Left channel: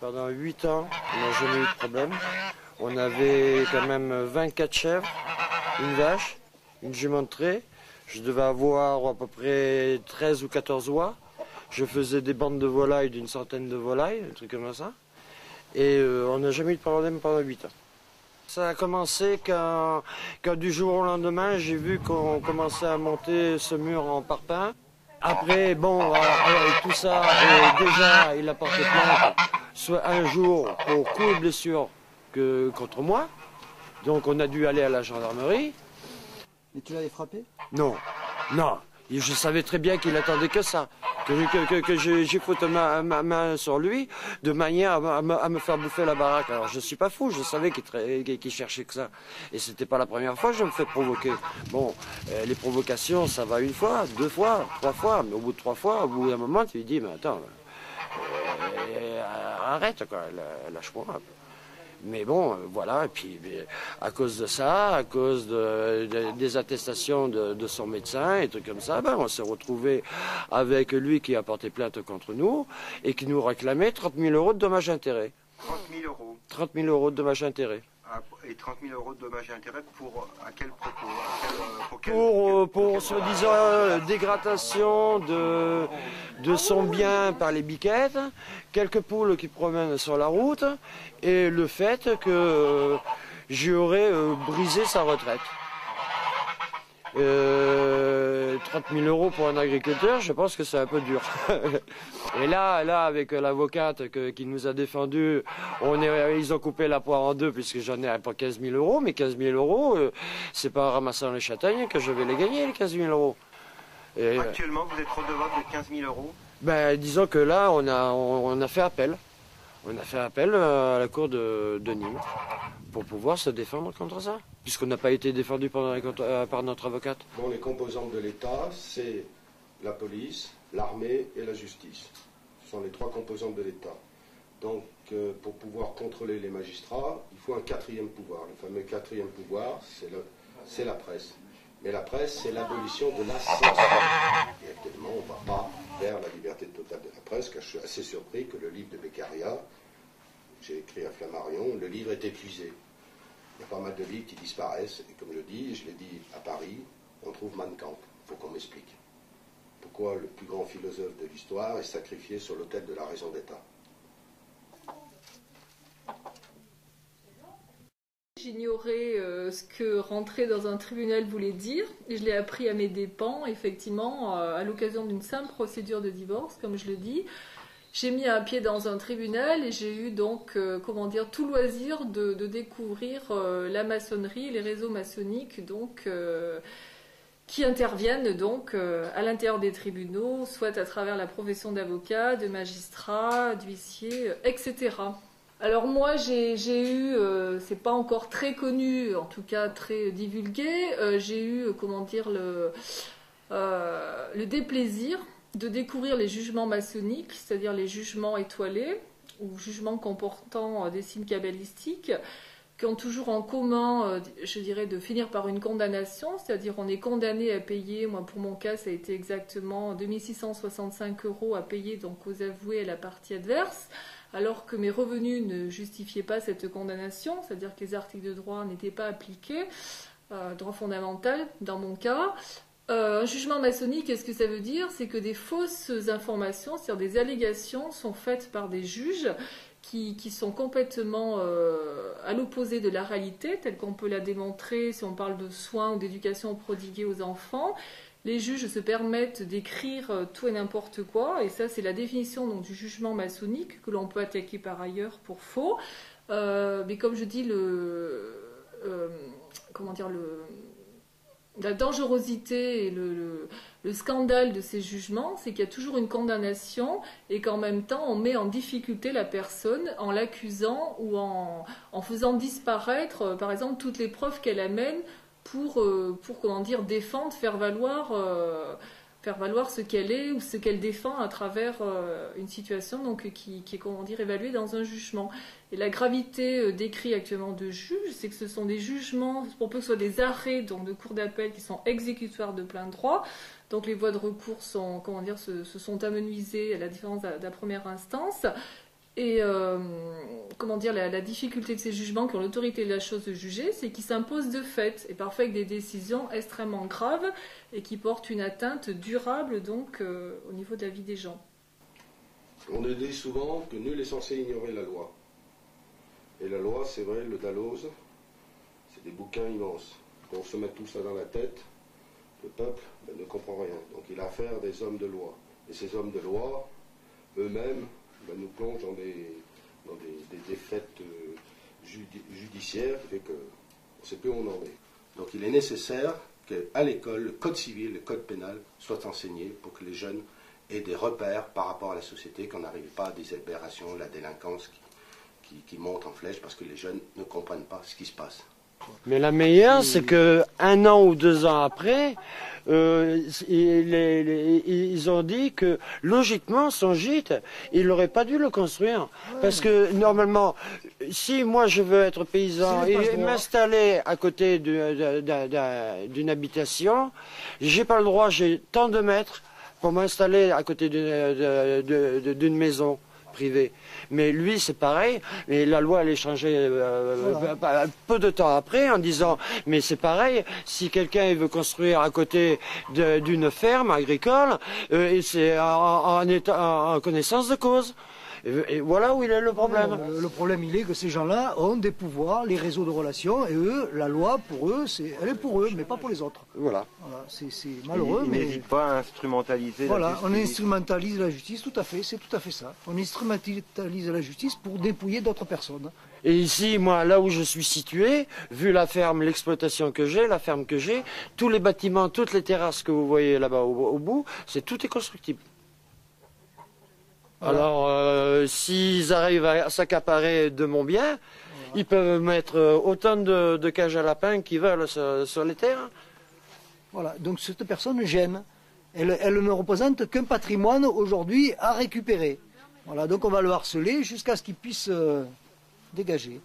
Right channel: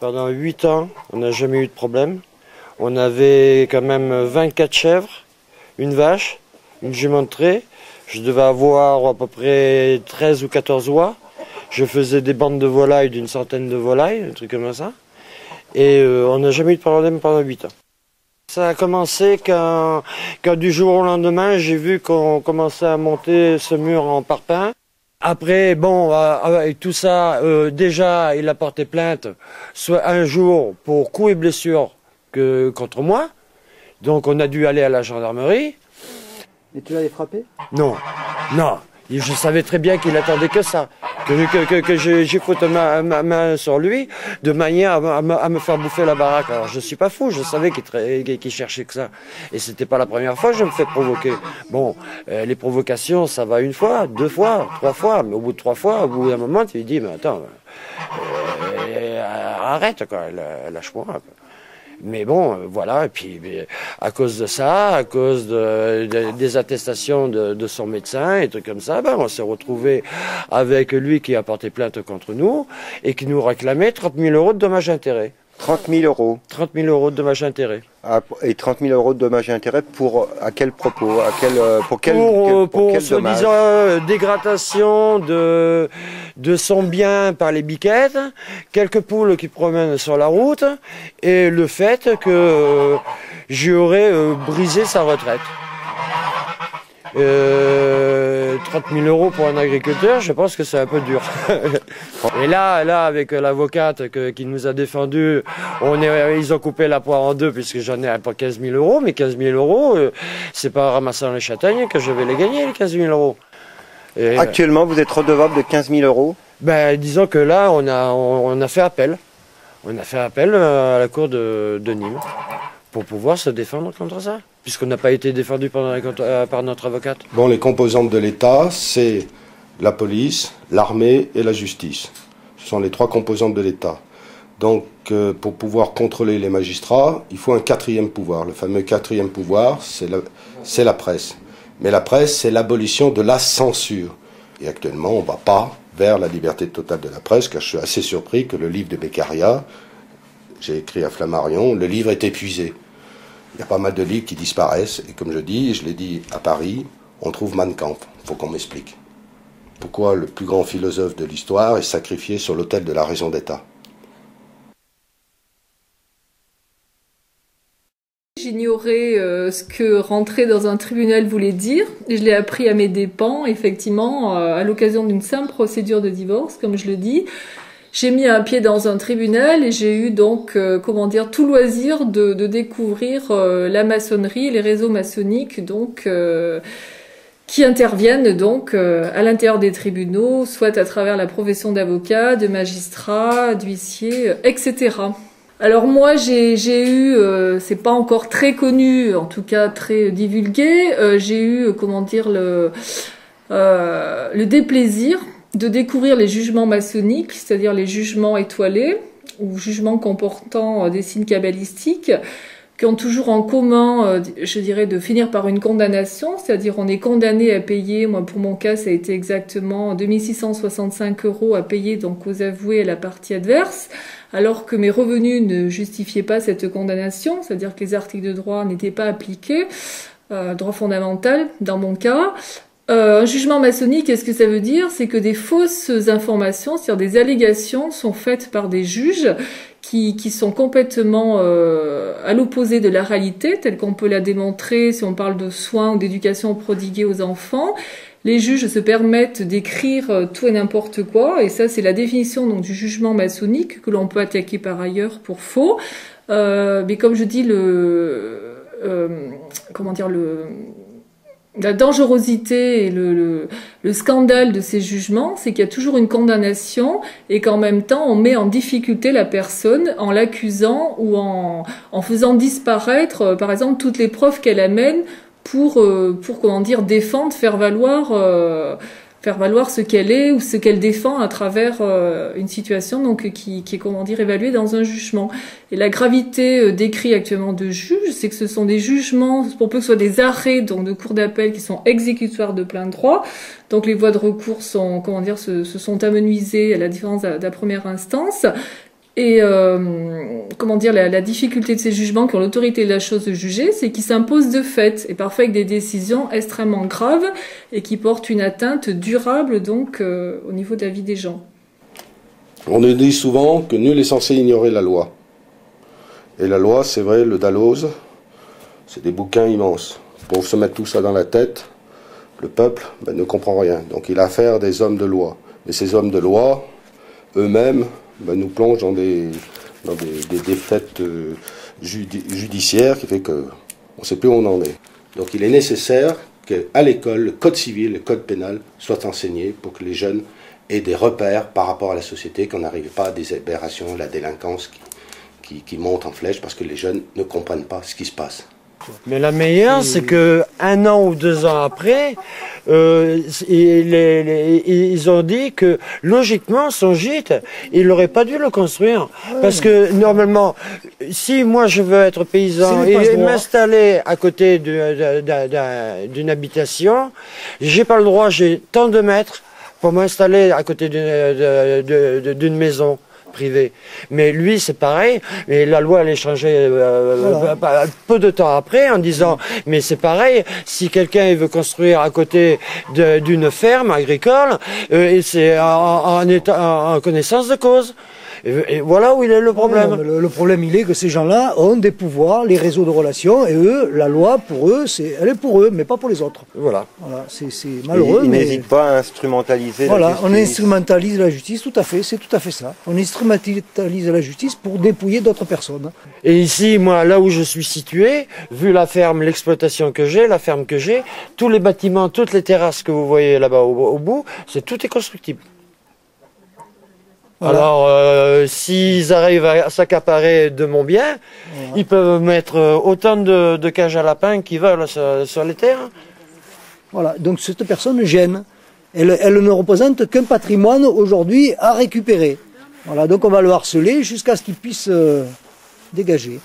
Pendant 8 ans, on n'a jamais eu de problème. On avait quand même 24 chèvres, une vache, une jument de trait. Je devais avoir à peu près 13 ou 14 oies. Je faisais des bandes de volailles, d'une centaine de volailles, un truc comme ça. Et on n'a jamais eu de problème pendant 8 ans. Ça a commencé quand du jour au lendemain, j'ai vu qu'on commençait à monter ce mur en parpaing. Après, bon, avec tout ça, déjà, il a porté plainte, soit un jour pour coups et blessures contre moi. Donc on a dû aller à la gendarmerie. Et tu l'avais frappé? Non, non. Je savais très bien qu'il attendait que ça. Que j'ai foutu ma main sur lui de manière à me faire bouffer la baraque. Alors je ne suis pas fou, je savais qu'il cherchait que ça. Et c'était pas la première fois que je me fais provoquer. Bon, les provocations, ça va une fois, 2 fois, 3 fois. Mais au bout de 3 fois, au bout d'un moment, tu lui dis, mais attends, arrête quoi, lâche-moi. Mais bon, voilà, et puis à cause de ça, à cause des attestations de son médecin et trucs comme ça, ben, on s'est retrouvé avec lui qui a porté plainte contre nous et qui nous réclamait 30 000 € de dommages et intérêts. 30 000 euros. 30 000 € de dommages et intérêts. Et 30 000 € de dommages et intérêts à quel propos? Pour soi-disant dégradation de son bien par les biquettes, quelques poules qui promènent sur la route et le fait que j'aurais brisé sa retraite. 30 000 € pour un agriculteur, je pense que c'est un peu dur. Et là, avec l'avocate qui nous a défendu, ils ont coupé la poire en deux puisque j'en ai pas 15 000 €, mais 15 000 €, c'est pas en ramassant les châtaignes que je vais les gagner, les 15 000 €. Et, actuellement, vous êtes redevable de 15 000 €? Ben, disons que là, on a fait appel. On a fait appel à la cour de Nîmes pour pouvoir se défendre contre ça, puisqu'on n'a pas été défendu par notre avocate. Bon, les composantes de l'État, c'est la police, l'armée et la justice. Ce sont les 3 composantes de l'État. Donc, pour pouvoir contrôler les magistrats, il faut un 4e pouvoir. Le fameux 4e pouvoir, c'est la presse. Mais la presse, c'est l'abolition de la censure. Et actuellement, on ne va pas vers la liberté totale de la presse, car je suis assez surpris que le livre de Beccaria, j'ai écrit à Flammarion, le livre est épuisé. Il y a pas mal de livres qui disparaissent, et comme je dis, et je l'ai dit à Paris, on trouve Mein Kampf. Il faut qu'on m'explique. Pourquoi le plus grand philosophe de l'histoire est sacrifié sur l'autel de la raison d'État? J'ignorais ce que rentrer dans un tribunal voulait dire. Je l'ai appris à mes dépens, effectivement, à l'occasion d'une simple procédure de divorce, comme je le dis. J'ai mis un pied dans un tribunal et j'ai eu donc, tout loisir de découvrir la maçonnerie, les réseaux maçonniques, donc qui interviennent donc à l'intérieur des tribunaux, soit à travers la profession d'avocat, de magistrat, d'huissier, etc. Alors moi j'ai eu, c'est pas encore très connu, en tout cas très divulgué, j'ai eu le déplaisir de découvrir les jugements maçonniques, c'est-à-dire les jugements étoilés ou jugements comportant des signes kabbalistiques, qui ont toujours en commun, je dirais, de finir par une condamnation, c'est-à-dire on est condamné à payer, moi pour mon cas ça a été exactement 2665 € à payer donc aux avoués à la partie adverse, alors que mes revenus ne justifiaient pas cette condamnation, c'est-à-dire que les articles de droit n'étaient pas appliqués, droit fondamental dans mon cas. Un jugement maçonnique, qu'est-ce que ça veut dire? C'est que des fausses informations, c'est-à-dire des allégations, sont faites par des juges qui sont complètement à l'opposé de la réalité, telle qu'on peut la démontrer si on parle de soins ou d'éducation prodiguée aux enfants. Les juges se permettent d'écrire tout et n'importe quoi, et ça c'est la définition donc, du jugement maçonnique, que l'on peut attaquer par ailleurs pour faux. Mais comme je dis, la dangerosité et le scandale de ces jugements, c'est qu'il y a toujours une condamnation et qu'en même temps, on met en difficulté la personne en l'accusant ou en faisant disparaître, par exemple, toutes les preuves qu'elle amène pour défendre, faire valoir ce qu'elle est ou ce qu'elle défend à travers une situation donc qui est évaluée dans un jugement. Et la gravité décrit actuellement de juges, c'est que ce sont des jugements, pour peu que ce soit des arrêts donc de cour d'appel qui sont exécutoires de plein droit. Donc les voies de recours sont se sont amenuisées à la différence de la première instance. Et comment dire, la difficulté de ces jugements qui ont l'autorité de la chose de juger, c'est qu'ils s'imposent de fait, et parfois avec des décisions extrêmement graves, et qui portent une atteinte durable donc au niveau de la vie des gens. On nous dit souvent que nul n'est censé ignorer la loi. Et la loi, c'est vrai, le Dalloz, c'est des bouquins immenses. Pour se mettre tout ça dans la tête, le peuple ne comprend rien. Donc il a affaire des hommes de loi. Et ces hommes de loi, eux-mêmes, nous plongent dans des défaites judiciaires qui fait qu'on ne sait plus où on en est. Donc il est nécessaire qu'à l'école, le code civil, le code pénal soient enseignés pour que les jeunes aient des repères par rapport à la société, qu'on n'arrive pas à des aberrations, la délinquance qui monte en flèche parce que les jeunes ne comprennent pas ce qui se passe. Mais la meilleure, c'est que 1 an ou 2 ans après, ils ont dit que logiquement, son gîte, il n'aurait pas dû le construire. Parce que normalement, si moi je veux être paysan et m'installer à côté d'une habitation, j'ai pas le droit, j'ai tant de mètres pour m'installer à côté d'une maison privée. Mais lui, c'est pareil. Et la loi, elle est changée peu de temps après en disant, mais c'est pareil, si quelqu'un veut construire à côté d'une ferme agricole, c'est en connaissance de cause. Et voilà où il est le problème. Le problème, il est que ces gens-là ont des pouvoirs, les réseaux de relations, et eux, la loi, pour eux, elle est pour eux, mais pas pour les autres. Voilà. C'est malheureux. Ils n'hésitent pas à instrumentaliser la justice. On instrumentalise la justice, tout à fait, c'est tout à fait ça. On instrumentalise la justice pour dépouiller d'autres personnes. Et ici, moi, là où je suis situé, vu la ferme, l'exploitation que j'ai, la ferme que j'ai, tous les bâtiments, toutes les terrasses que vous voyez là-bas au bout, tout est constructible. Voilà. Alors, s'ils arrivent à s'accaparer de mon bien, ils peuvent mettre autant de cages à lapins qu'ils veulent sur les terres. Voilà, donc cette personne gêne. Elle ne représente qu'un patrimoine aujourd'hui à récupérer. Voilà, donc on va le harceler jusqu'à ce qu'il puisse dégager.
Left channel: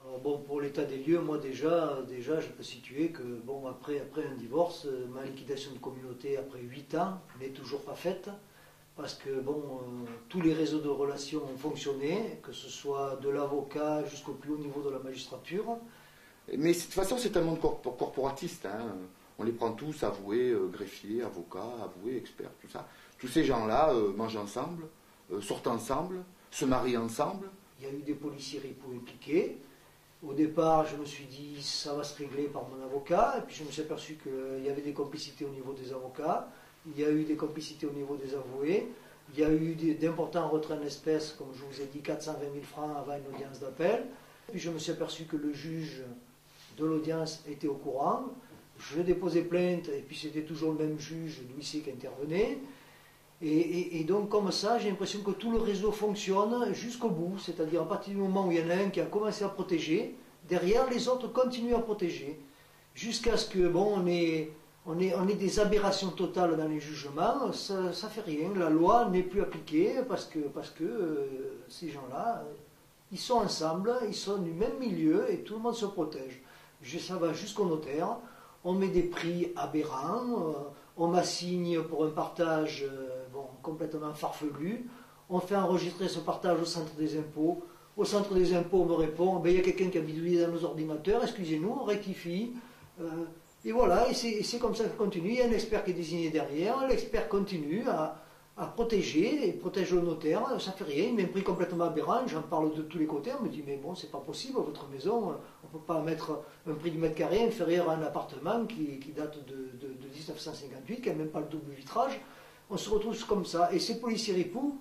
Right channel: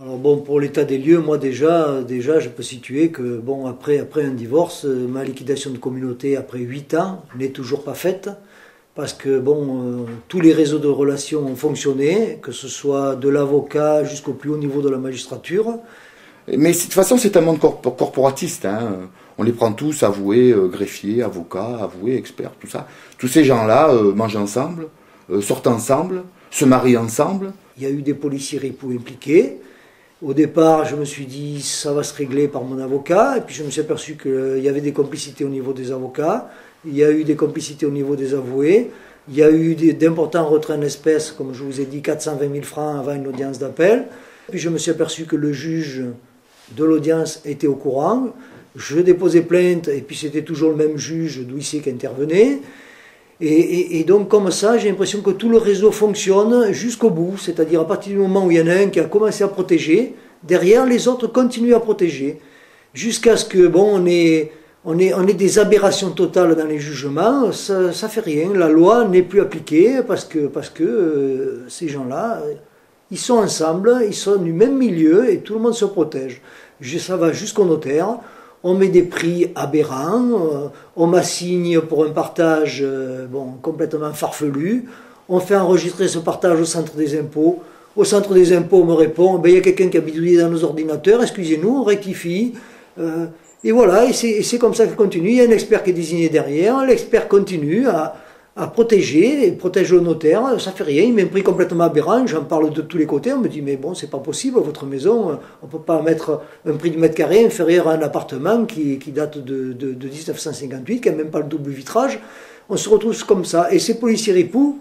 Alors bon, pour l'état des lieux, moi déjà je peux situer que bon, après un divorce, ma liquidation de communauté après 8 ans n'est toujours pas faite. Parce que bon, tous les réseaux de relations ont fonctionné, que ce soit de l'avocat jusqu'au plus haut niveau de la magistrature. Mais de toute façon, c'est un monde corporatiste. Hein. On les prend tous, avoués, greffiers, avocats, avoués, experts, tout ça. Tous ces gens-là mangent ensemble, sortent ensemble, se marient ensemble. Il y a eu des policiers ripoux impliqués. Au départ, je me suis dit, ça va se régler par mon avocat. Et puis je me suis aperçu qu'il y avait des complicités au niveau des avocats. Il y a eu des complicités au niveau des avoués, il y a eu d'importants retraits en espèces, comme je vous ai dit, 420 000 francs avant une audience d'appel. Puis je me suis aperçu que le juge de l'audience était au courant. Je déposais plainte, et puis c'était toujours le même juge d'huissier qui intervenait. Et donc comme ça, j'ai l'impression que tout le réseau fonctionne jusqu'au bout, c'est-à-dire à partir du moment où il y en a un qui a commencé à protéger, derrière les autres continuent à protéger, jusqu'à ce que, bon, on est des aberrations totales dans les jugements, ça fait rien. La loi n'est plus appliquée parce que ces gens-là, ils sont ensemble, ils sont du même milieu et tout le monde se protège. Ça va jusqu'au notaire, on met des prix aberrants, on m'assigne pour un partage complètement farfelu, on fait enregistrer ce partage au centre des impôts. Au centre des impôts, on me répond, il y a quelqu'un qui a bidouillé dans nos ordinateurs, excusez-nous, on rectifie. Et voilà, et c'est comme ça que continue. Il y a un expert qui est désigné derrière, l'expert continue à protéger, et protège le notaire, ça fait rien, il met un prix complètement aberrant, j'en parle de tous les côtés, on me dit mais bon, c'est pas possible, votre maison, on ne peut pas mettre un prix du mètre carré inférieur à un appartement qui date de 1958, qui n'a même pas le double vitrage, on se retrouve comme ça. Et ces policiers ripoux,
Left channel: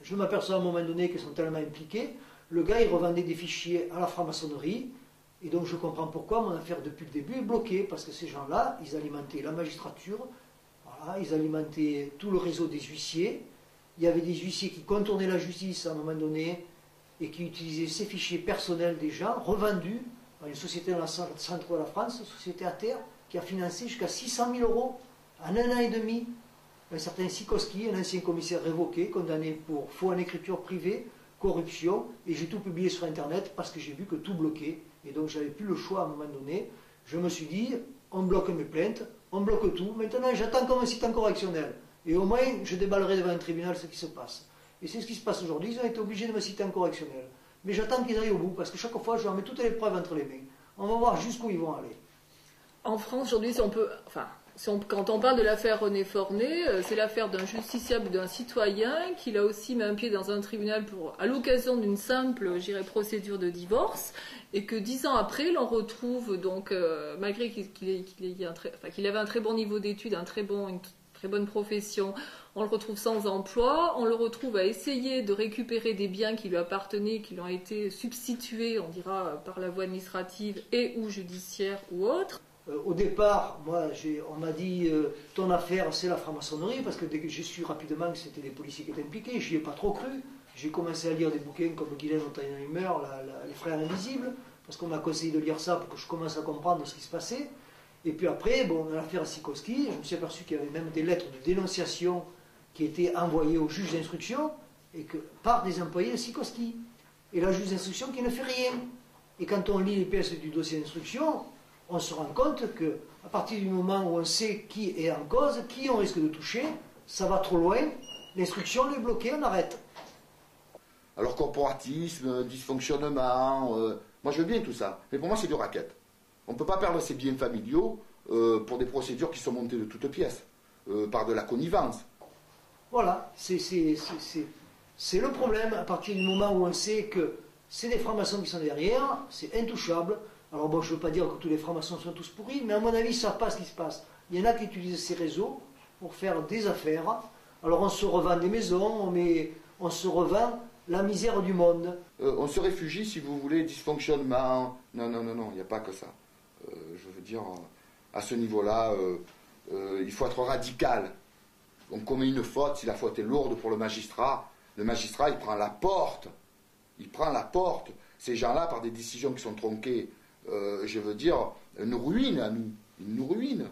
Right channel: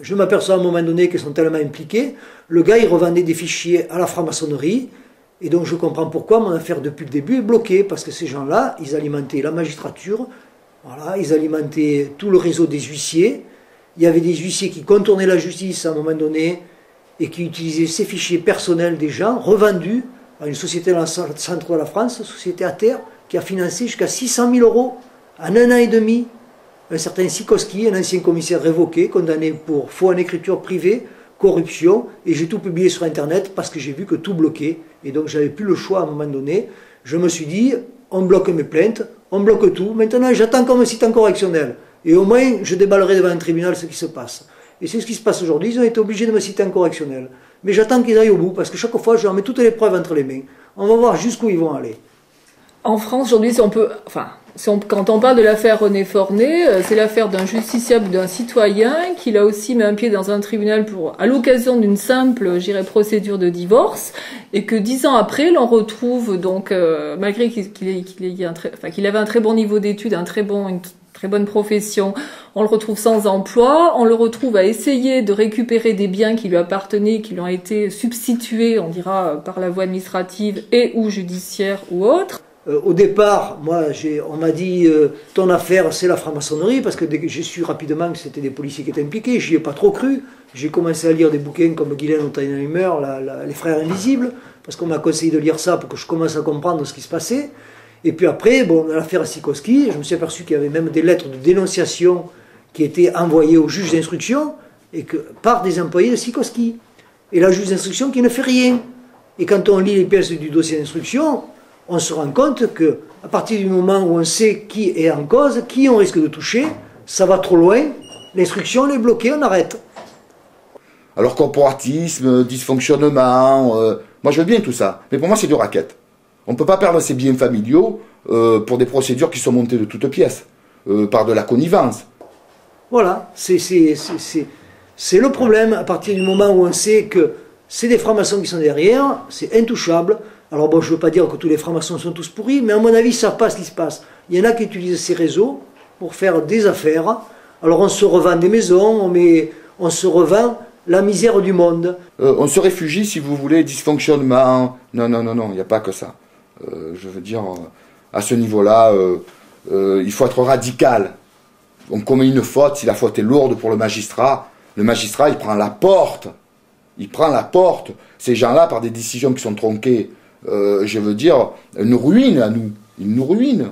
je m'aperçois à un moment donné qu'ils sont tellement impliqués, le gars il revendait des fichiers à la franc-maçonnerie. Et donc je comprends pourquoi mon affaire depuis le début est bloquée, parce que ces gens-là, ils alimentaient la magistrature, voilà, ils alimentaient tout le réseau des huissiers. Il y avait des huissiers qui contournaient la justice à un moment donné et qui utilisaient ces fichiers personnels des gens, revendus à une société dans le centre de la France, société à terre, qui a financé jusqu'à 600 000 € en 1 an et demi. Un certain Sikoski, un ancien commissaire révoqué, condamné pour faux en écriture privée, corruption, et j'ai tout publié sur Internet parce que j'ai vu que tout bloquait. Et donc j'avais plus le choix à un moment donné. Je me suis dit, on bloque mes plaintes, on bloque tout. Maintenant j'attends comme un site en correctionnel. Et au moins je déballerai devant un tribunal ce qui se passe. Et c'est ce qui se passe aujourd'hui. Ils ont été obligés de me citer en correctionnel. Mais j'attends qu'ils aillent au bout, parce que chaque fois, je leur mets toutes les preuves entre les mains. On va voir jusqu'où ils vont aller. En France, aujourd'hui, quand on parle de l'affaire René Fornet, c'est l'affaire d'un justiciable, d'un citoyen qui là aussi met un pied dans un tribunal à l'occasion d'une simple, procédure de divorce, et que 10 ans après, l'on retrouve donc, malgré qu'il avait un très bon niveau d'études, une très bonne profession, on le retrouve sans emploi, on le retrouve à essayer de récupérer des biens qui lui appartenaient, qui lui ont été substitués, on dira, par la voie administrative et ou judiciaire ou autre. Au départ, moi, on m'a dit ton affaire, c'est la franc-maçonnerie, parce que j'ai su rapidement que c'était des policiers qui étaient impliqués. Je n'y ai pas trop cru. J'ai commencé à lire des bouquins comme Guylaine Ottenheimer, Les Frères Invisibles, parce qu'on m'a conseillé de lire ça pour que je commence à comprendre ce qui se passait. Et puis après, bon, dans l'affaire Sikorsky, je me suis aperçu qu'il y avait même des lettres de dénonciation qui étaient envoyées au juge d'instruction et par des employés de Sikorsky. Et la juge d'instruction qui ne fait rien. Et quand on lit les pièces du dossier d'instruction, on se rend compte qu'à partir du moment où on sait qui est en cause, qui on risque de toucher, ça va trop loin, l'instruction est bloquée, on arrête. Alors corporatisme, dysfonctionnement, moi je veux bien tout ça, mais pour moi c'est du racket. On ne peut pas perdre ses biens familiaux pour des procédures qui sont montées de toutes pièces, par de la connivence. Voilà, c'est le problème à partir du moment où on sait que c'est des francs-maçons qui sont derrière, c'est intouchable. Alors bon, je ne veux pas dire que tous les francs-maçons sont tous pourris, mais à mon avis, ça passe ce qui se passe. Il y en a qui utilisent ces réseaux pour faire des affaires. Alors on se revend des maisons, on se revend la misère du monde. On se réfugie, si vous voulez, dysfonctionnement. Non, il n'y a pas que ça. Je veux dire, à ce niveau-là, il faut être radical. On commet une faute, si la faute est lourde pour le magistrat, il prend la porte. Il prend la porte. Ces gens-là, par des décisions qui sont tronquées, je veux dire, nous ruinent à nous. Ils nous ruinent.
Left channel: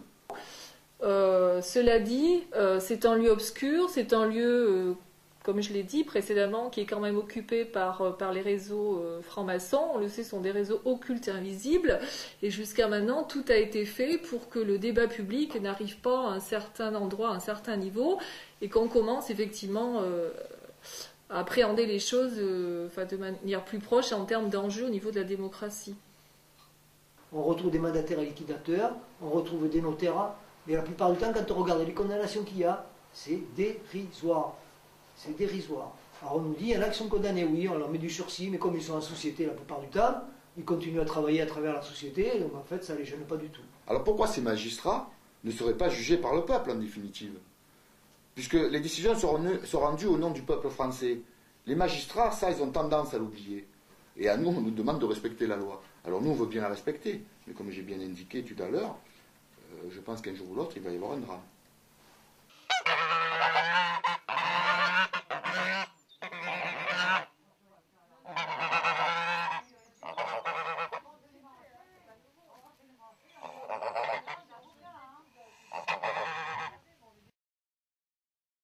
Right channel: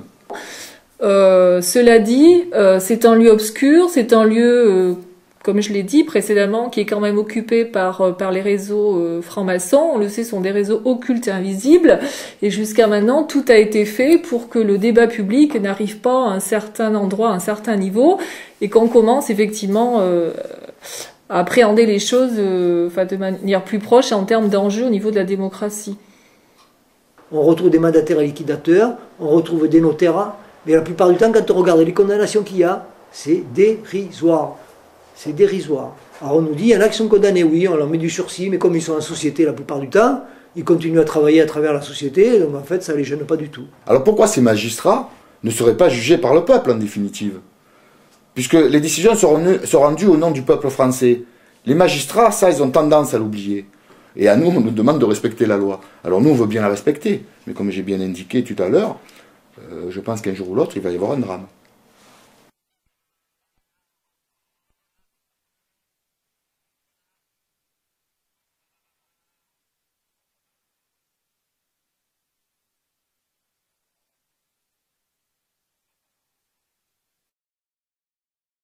Cela dit, c'est un lieu obscur, c'est un lieu, comme je l'ai dit précédemment, qui est quand même occupé par les réseaux francs-maçons. On le sait, ce sont des réseaux occultes et invisibles. Et jusqu'à maintenant, tout a été fait pour que le débat public n'arrive pas à un certain endroit, à un certain niveau, et qu'on commence effectivement à appréhender les choses de manière plus proche en termes d'enjeux au niveau de la démocratie. On retrouve des mandataires et liquidateurs, on retrouve des notaires, mais la plupart du temps, quand on regarde les condamnations qu'il y a, c'est dérisoire. C'est dérisoire. Alors on nous dit, il y en a qui sont condamnés, oui, on leur met du sursis, mais comme ils sont en société la plupart du temps, ils continuent à travailler à travers la société, donc en fait, ça ne les gêne pas du tout. Alors pourquoi ces magistrats ne seraient pas jugés par le peuple, en définitive? Puisque les décisions sont rendues au nom du peuple français. Les magistrats, ça, ils ont tendance à l'oublier. Et à nous, on nous demande de respecter la loi. Alors nous, on veut bien la respecter. Mais comme j'ai bien indiqué tout à l'heure, je pense qu'un jour ou l'autre, il va y avoir un drame.